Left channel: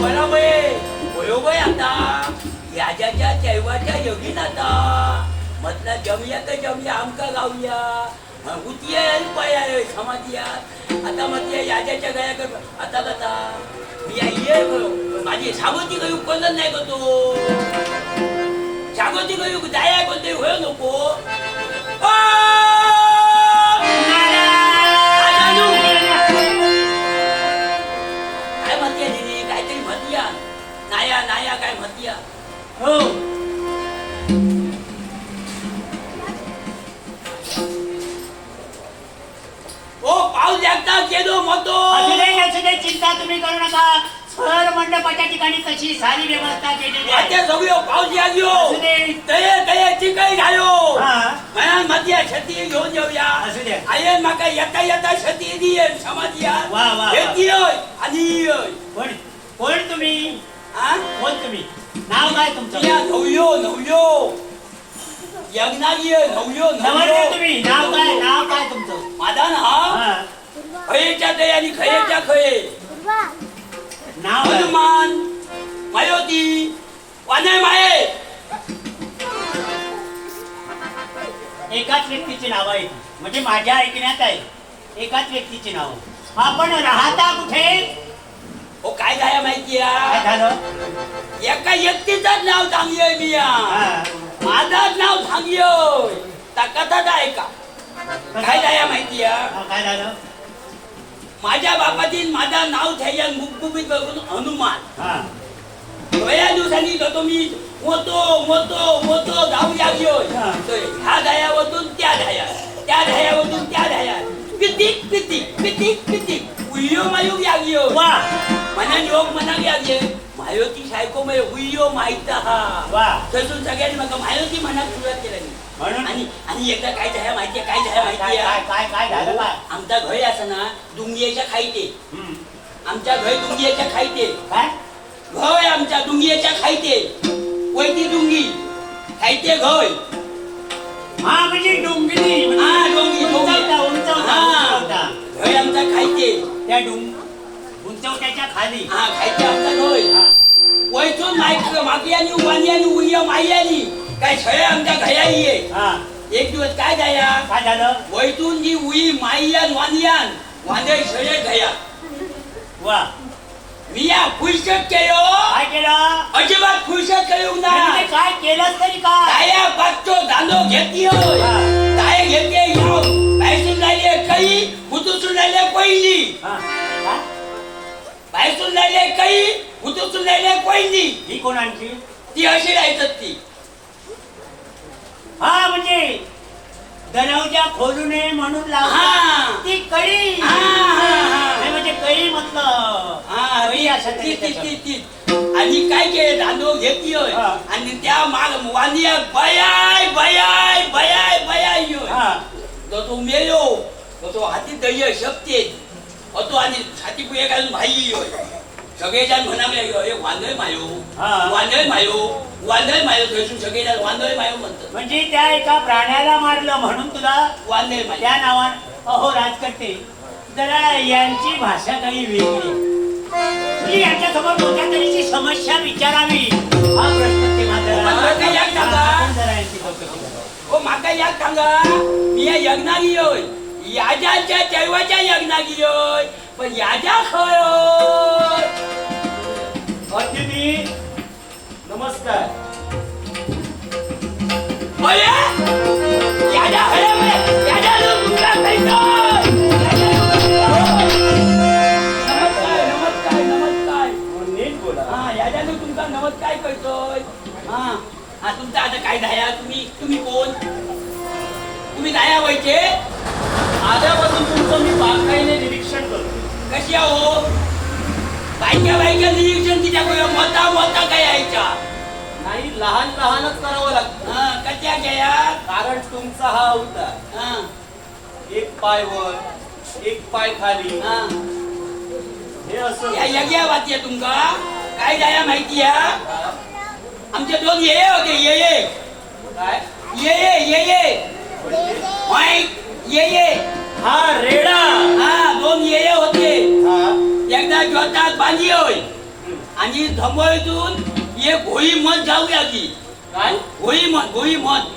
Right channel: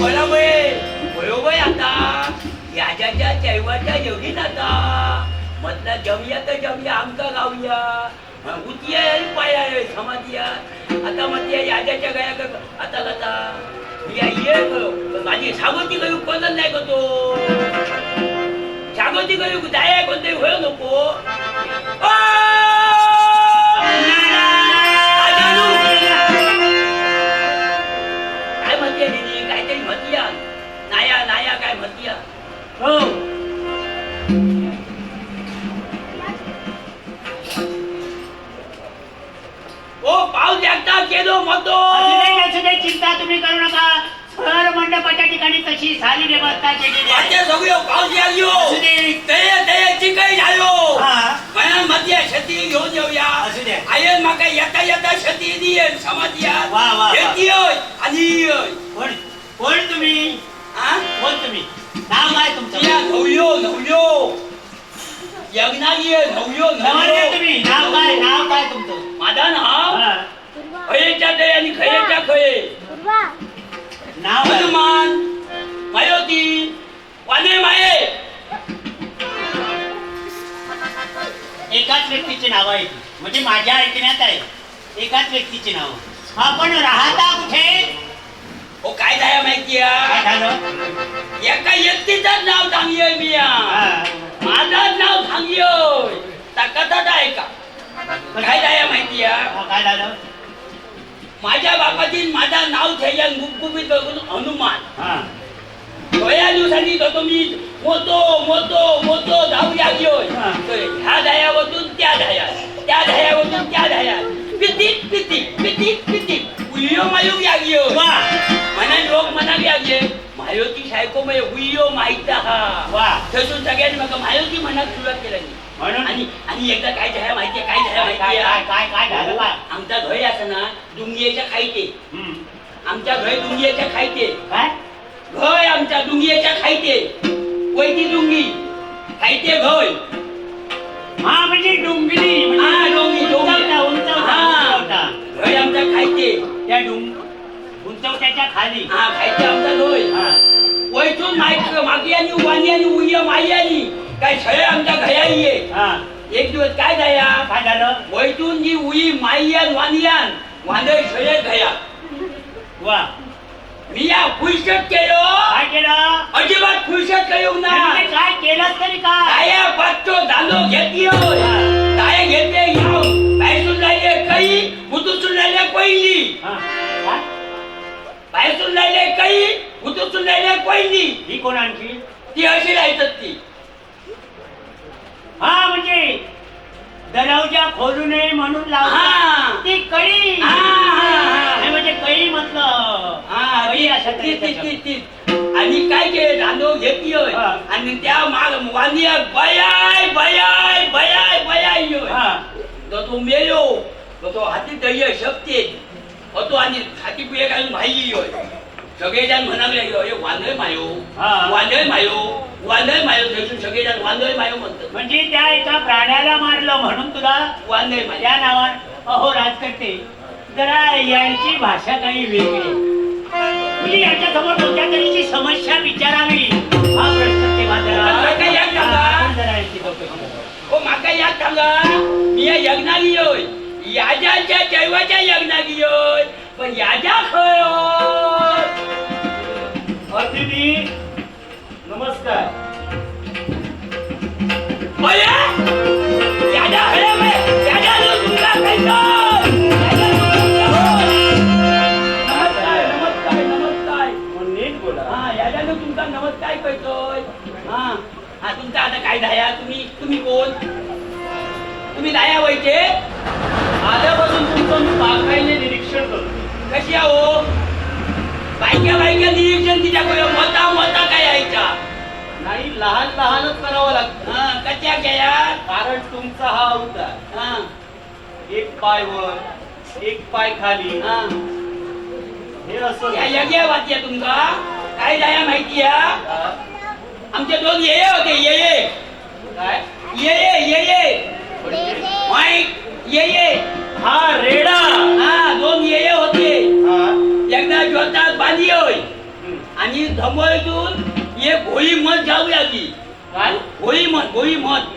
बरा बाई होयो बाई आता. याच्याच्या चैवाच्या योगीन आता म्हटलं जमया तर जमया आमका गावया उतिया पाया समाधिया. आता म्हटलं याच्याच्या गया कर आता कथा मी ये करो पण माझी सागोती काही उपकरण नाही करतो सागोती काही जाया कोणते होय नको. शेती घेऊन जाऊया असू दे. आये माका येता येता शेती दिये समाधिया वा, वा, वा. शेती होय आणि होय. कोण? कोण तुम्ही? हा? कोण तुम्ही? नाव काय तुमचं? तिया नवल्यो नवल्यो यज्ञागी नवल्यो नवरदेव नवल्यो तुम्ही. नाव काय? नाव काय तुमचं? माझा ना हा. खयेच्या ते आणि खयेच्या खये. नाव काय? हनुमान. एकाच व्यक्तीची नाव आहे ती. म्हणजे माझ्या ऐकण्यात आहे. एकाच व्यक्तीची नाव. आपण राहता कुठे? हो काय झाया माहिती काय झालं? एका व्यक्तीचंच नाव सांगियोय मी या. हा. माझंच नाव सांगियोय ता कथाच आहे का? काय झाया माहिती हा, काय झालं? माझ्या बापाची माझं नाव थैयान गुपगुपीत बघून हनुमान हा. थोड्या दिवसांनी तो मी मोतो मोतो मोतो हा. तर ह्या धायावरून त्या धाया त्या धायावरून त्या धाया पितिक पितिक पितिक पितिक उयो मायूक लागलो वा मना लोक मना लागले मायोती सायको मध्ये उयो माहीत हा वा थंयसून सगळ्यांनी म्हाका मायोती मनाक सुरुवात केली म्हणून आणि आणि एकदा काय झाल्या माहितीये काय काय माहितीये काय काय झालं आमचा घर असं ना डुंगियाच्या हम्म. आमच्या घर डुंगियाच्या खाईते काय घय आमच्या डुंगियाच्या खाईते वैती डुंगी. खाईते घय हा म्हणजे डोंगरी म्हणजे हा डोंगी हा. उंचवटा घय आमच्या खाईते त्या डोंग उंचवट्याच्या खाली. हा खाईते आमचा घय हा. वैतून माईक मागी आणि वाणी आणि उय माई आणि काय सगळे आमच्या घयाई ये हा. एक दिवस काय जाया काय झालं? वैतून जी उई माईयान वानियान वांदळ सगळे घया. वा. मी या फुलशट केलो काय केलं अजिबात फुलशट करू ना म्हणजे काय केलं तरी काय ताया पाचतो दांडो घेतली. ताया घेते याव बायसून राहिले काही हुतूसून राहिले पहिली हा. काय? बायसून राहिले काही हुतूसून राहिले पहिली ही कोण आणखी ती अशी राहतात ती हा म्हणजे दरवाजा खोलू नये म्हणून हा. ती कळी हा, हा, हा. कळी म्हटलं हा कळी ती अशा ती ती तऱ्हेच्या ती ती. आणि काय केले? दांडो घेतली होय. हा. आणि त्या माग वांदिया बयाय बयाय बयाय बयाय होय हा. तो तो मेलो. तो तो हाती दय शक्ती तो आणि हाती पुये घालून भाई होय सगळेजण म्हणाले हे वांदळ मायो. हा. वांदळ मायो. वांदळ मायो. थंयसून सगळेजण वांदळ मायो म्हणतात. म्हणजे त्या एका प्राण्याला मारलं म्हणून तुला वांदळ मायो. त्या नावात अहो राजकर्ते जरा यांची भाषा काही वेगळी. म्हणजे यांच्या समोर कोणत्या तऱ्हेची समस्या विचारावी. हा प्रश्न ते मात्र पण काका या काका? आपण जरा यांची चौकशी करू. ओ माका याक सांगा मी या यज्ञागी होय. याजाच्या जैवाच्या यज्ञागी होय. पण याजा खय? अतिथी नमस्कार. याजा खय नमस्कार करतोय? हा हा तुमचा आता काय झाया तुम्ही तुम्ही कोण? तुम्ही जाया व्हायचे आल्यापासून तुमचं मी बारकाईने निरीक्षण करतो. कशी आहो? बायक्या बायक्या निरीक्षण तिच्याकडे मोठा मोठा काय यायचा नाही लहान लहानच करावं लागतं. हा कशा घ्या कारण तुमचा हा अवतार हा. एक पाय वर एक पाय खाली. हा. हे असं या यज्ञा वाटया तुमका काय जाया माहिती या? आमचे दोन ये होते ये ये. काय? ये ये ये ये. ये ये. हा रेडा. हा दोन ये ये होते. एकदा जोतात बांधी होय. आणि धमळतून एक भोई मत जाऊया की. काय? भोई मत भोई मत.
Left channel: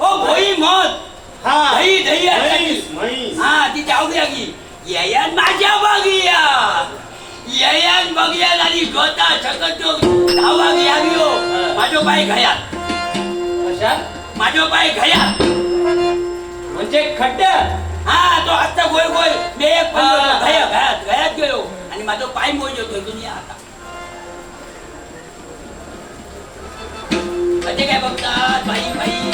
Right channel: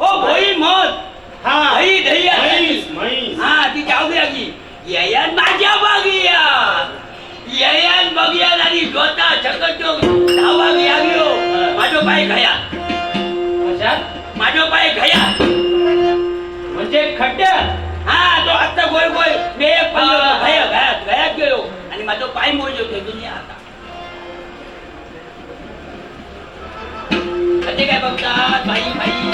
ओ भोई मत. हा. दही दही. हा ती जाऊया की. येयान माझ्या बघिया येयान बघिया आणि जोता सकतो धावा घ्या घेऊ माझो पाय घयात कशात माझो पाय घयात म्हणजे खड्ड्यात हा तो आता गोय गोय मी एक पडलो हा. घया घयात घयात गेलो आणि माझो पाय मोज होतो दुनिया आता म्हणजे काय बघतात बाई बाई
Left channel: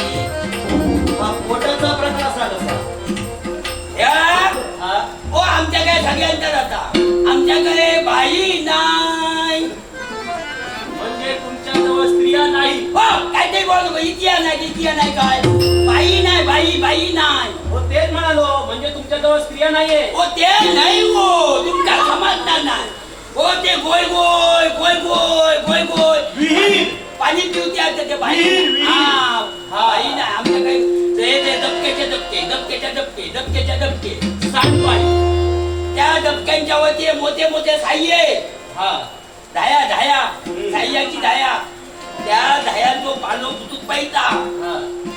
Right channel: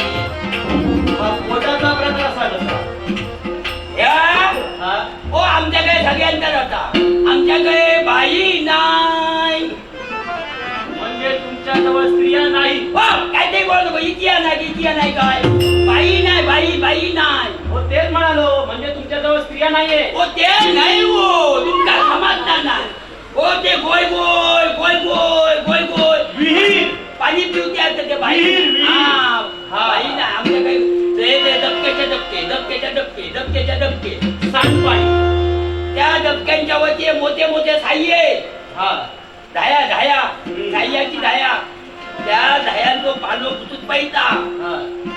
पोटाचा प्रकार असा कसा ह्या हा ओ आमच्याकडे सगळ्यांकडे होता आमच्याकडे बाई नाही. म्हणजे तुमच्याजवळ स्त्रिया नाही. हो काय ते बोल नको. इतिया नाही इतिया नाही काय. बाई नाही बाई बाई नाही. हो तेच म्हणालो. म्हणजे तुमच्याजवळ स्त्रिया नाहीये. ओ ते नाही हो. तुमका समजणार नाही हो ते गोय गोय गोय गोय गोय गोय. विहीर. पाणी पिवते आता ते बाई. हा हा. बाई नाही. आमच्याकडे ते ते दबकेचे दबके दबकेच्या दबके दबकेच्या दबके. सांडपाणी त्या दबक्यांच्या वरती मोठे मोठे आहेत. हा. धाया धाया. धायाची धाया. त्या धायांचो पालो कुतूत पाहिता.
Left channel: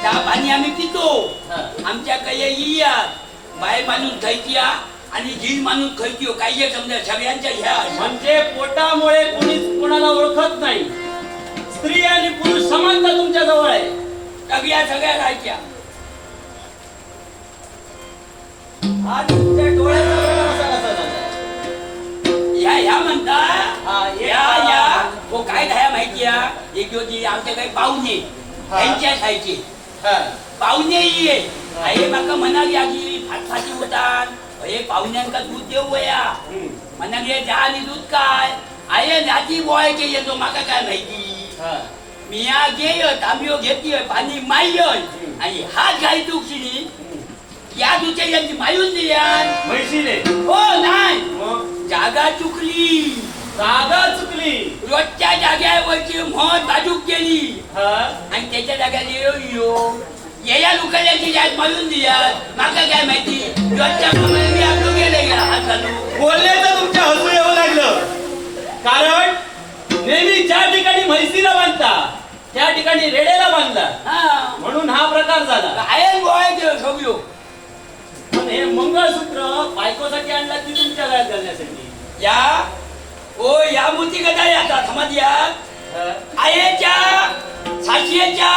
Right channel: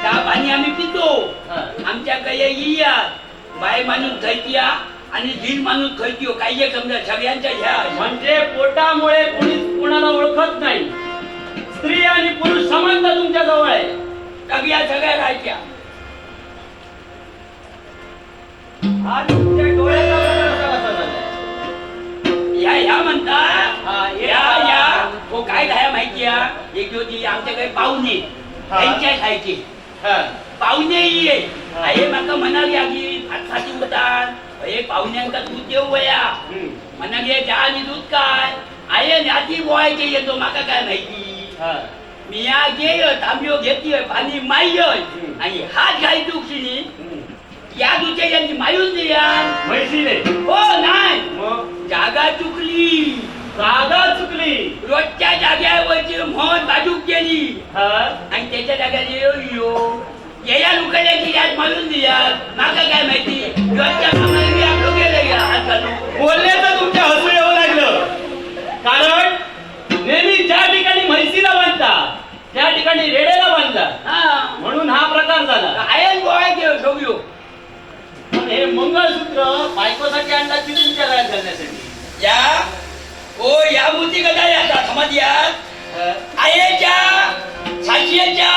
त्या पाणी आम्ही पितो. हा. आमच्याकडे येयात बाय माणूस खायची आणि जी माणूस खायची काही समजा सगळ्यांच्या ह्या म्हणजे पोटामुळे कोणीच कोणाला ओळखत नाही. स्त्री आणि पुरुष समानता तुमच्या जवळ आहे. सगळ्या सगळ्या राहायच्या. तुमच्या डोळ्याचा प्रकार असा कसा झाला ह्या ह्या म्हणता हा, या. या हो काय धाया माहिती आहे एक होती आमच्याकडे पाहुणे हा. त्यांच्या खायचे. हा. पाहुणे ये हा. हे म्हाका म्हणाली की फाटफाटी उतान हे पाहुण्यांका दूध देऊ वया. हम्म. म्हणाले चहा आणि दूध काय? आहे नाती बोवायचे येतो माका काय माहिती? हा. मिया घेय तांब्यो घेतोय पाणी माय आणि हात घाई तुकशिनी. या दुच्या यांची मायून दियान म्हैशीने हो नाही. मग जागा चुकली. जागा चुकली. रोजच्या जाग्यावरची म्हण बाजूक गेली. हा. आणि त्याच्या जाग्याला यो यो. येया लोकांची याद मारून दियात माका काय माहिती? रोजच्या कामाला मी आपलो गेले या हात घालून बोलण्याचं तुमच्या हसू येऊ लागलं. कारण नेहमी ज्या ठिकाणी म्हैसीला बांधता त्या ठिकाणी रेड्याला बांधला. हा. म्हणून हा प्रकार झाला. आयन बोवायचे सगळं पण हे मंगळसूत्र बायकोसाठी आणला की तुमच्या गळ्यात घालण्यासाठी? या ओ या मूर्ती कदा याचा समाज यात? आयेच्या सातशेच्या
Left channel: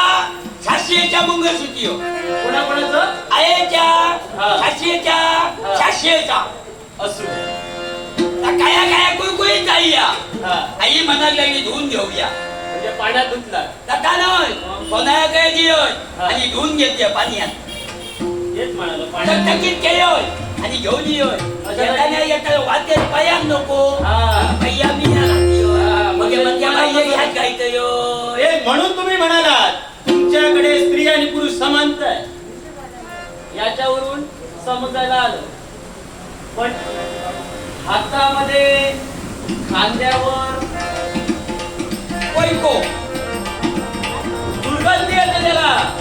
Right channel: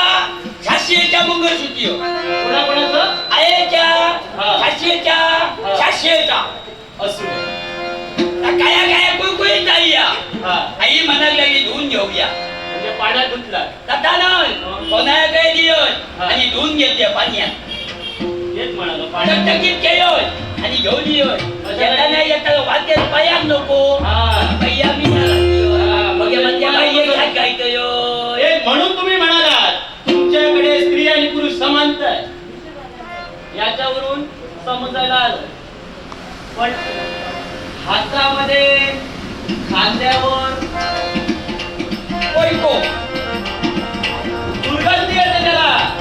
सातशेच्या मंगळसूत्री कोणाकोणाचं? आयेच्या. सातशेच्या सातशेचा असू. काया काया कुळकुळीत जाई या आई म्हणायला लागली धुवून घेऊया. म्हणजे पाण्यात धुतला. आता नाही सोनायाकडे दियोय हा. आणि धुवून घेते पाण्यात. हेच म्हणालो पाण्यात टकटकीत केलोय आणि घेऊन वाटेत पयाक नको. हा. पय्या मी नाही. हा, मग हे बाई हे म्हणजे हे म्हणून तुम्ही म्हणालात तुमच्याकडे स्त्री आणि पुरुष समानता आहे. याच्यावरून समजायला आलं. पण हातामध्ये खांद्यावर कोयको दुर्गंधी येते त्याला.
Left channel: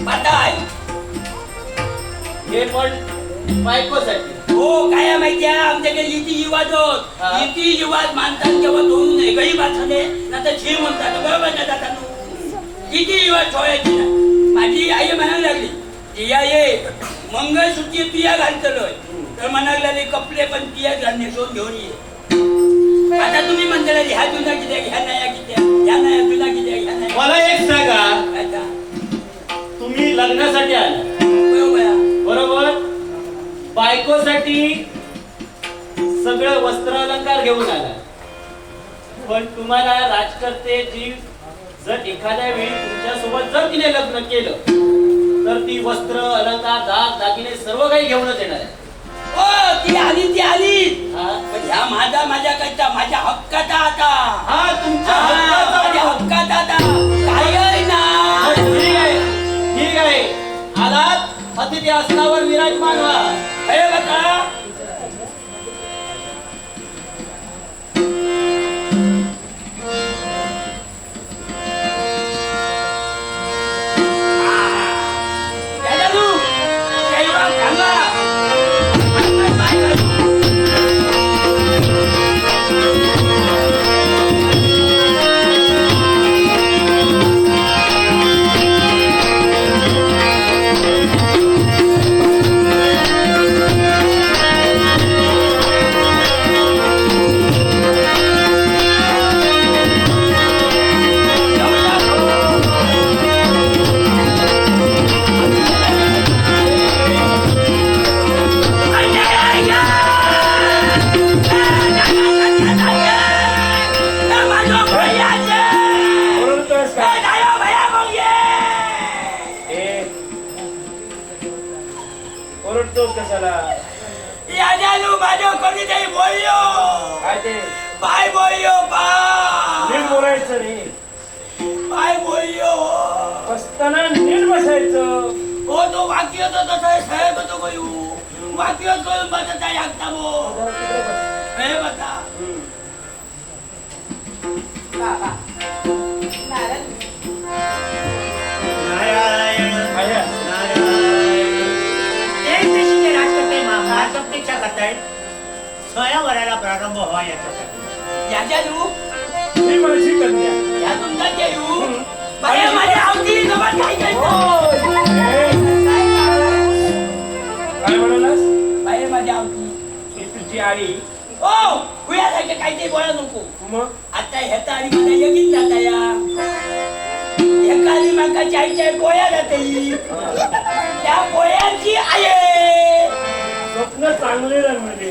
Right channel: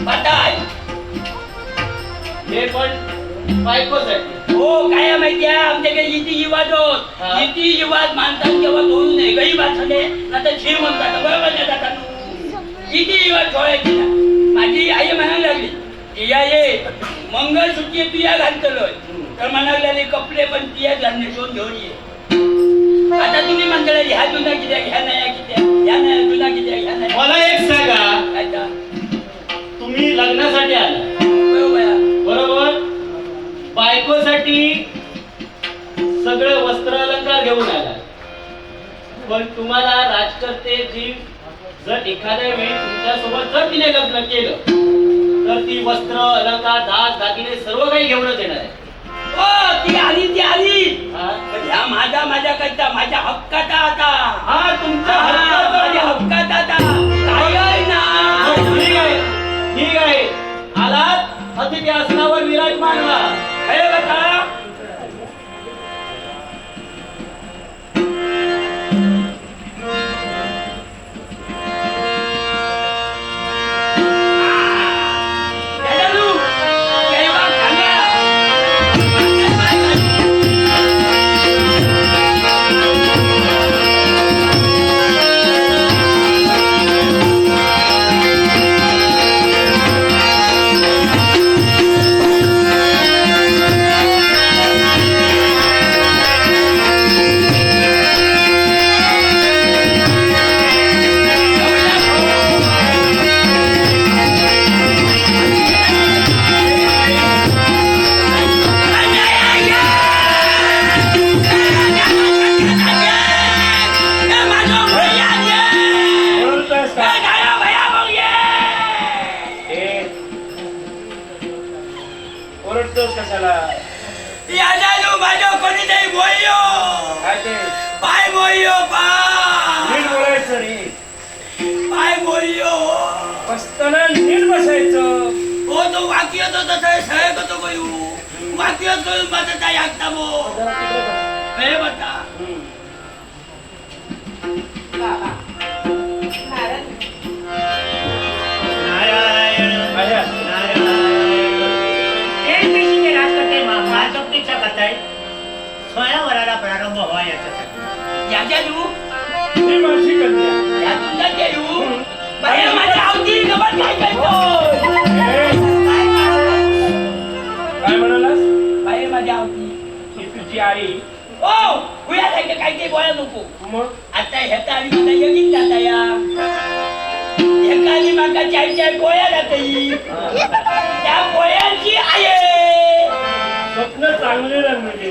बाताय हे पण बायकोसाठी. हो काय माहिती आहे? आमच्याकडे इति युवाज होत हा. इति युवाज मानतात तेव्हा दोन नाही गरीब असले ना तर छे म्हणतात बरोबर नाही जातात किती युवाज सोडायची ना माझी आई म्हणायला लागली तिया ये मंगळसूत्री तुया घालतलोय तर म्हणायला लागली कपडे पण तुया घालणे सोन घेऊन ये. आता तुम्ही म्हणता ह्या जुना कित्या ह्या नया कित्या ह्या नया जुना कित्या ह्या नया मला एक सांगा. आता तुम्ही लग्नासाठी आला. बायकोसाठी सगळं वस्त्र अलंकार घेऊन आला. पण तुम्हाला राजकर्ते जी जर एखाद्या वेळी तुमच्यासोबत जर तिने लग्न केलं तर ती वस्त्र अलंकार दाग दागिने सर्व काही घेऊनच येणार आहे. ओ ती आली ती आली? पण ह्या माझा माझ्या करता माझ्या हक्काचा आता. हा तुमच्या हा, माझ्या हक्काचा आता. काय ना? हा, ठीक आहे. ठीक आहे. आलात? अतिथी आसनावर विराजमान व्हा. खरं बघा यादालू माझ्या कोणीतरी बोललो काय ते पाय बोललो नीट पाय बोलायचं रे पाय बोललो बसताना नीट बसायचं हो तो वाक्य तो तसा सगळं कसं करू वाक्य करून माझं काय ऐकता मो जरा तिकडे बस. हे बता हम्म. बाबा नारद नारायण करतायत स्वयंवराला प्रारंभ व्हावा याच्यासाठी. ही माझी कन्या या तुमचा येऊ बाया माझ्या आवती गमत काय करतो ए, काय कारण? काय म्हणालास? बाया माझ्या आवती. ही तुझी आई. ओ कुयासारखे काही बोला नको. मग? आता ह्याचा यगीन जाता या. ह्याका आली माका चाय चाय गोळ्या जातई त्या गोळ्याची आई आहे. स्वप्न चांगले रंगले म्हणजे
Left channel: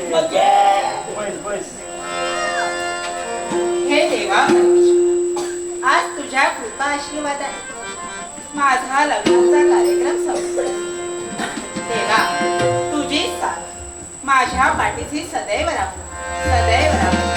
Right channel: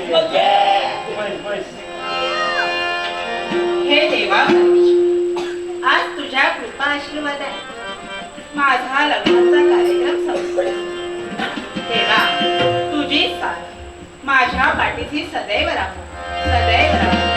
बस बस. हे देवा. आज तुझ्या कृपा आशीर्वादाने माझा लग्नाचा कार्यक्रम संपला देवा तुझी साथ माझ्या पाठीशी सदैव राहू. सदैव राहू.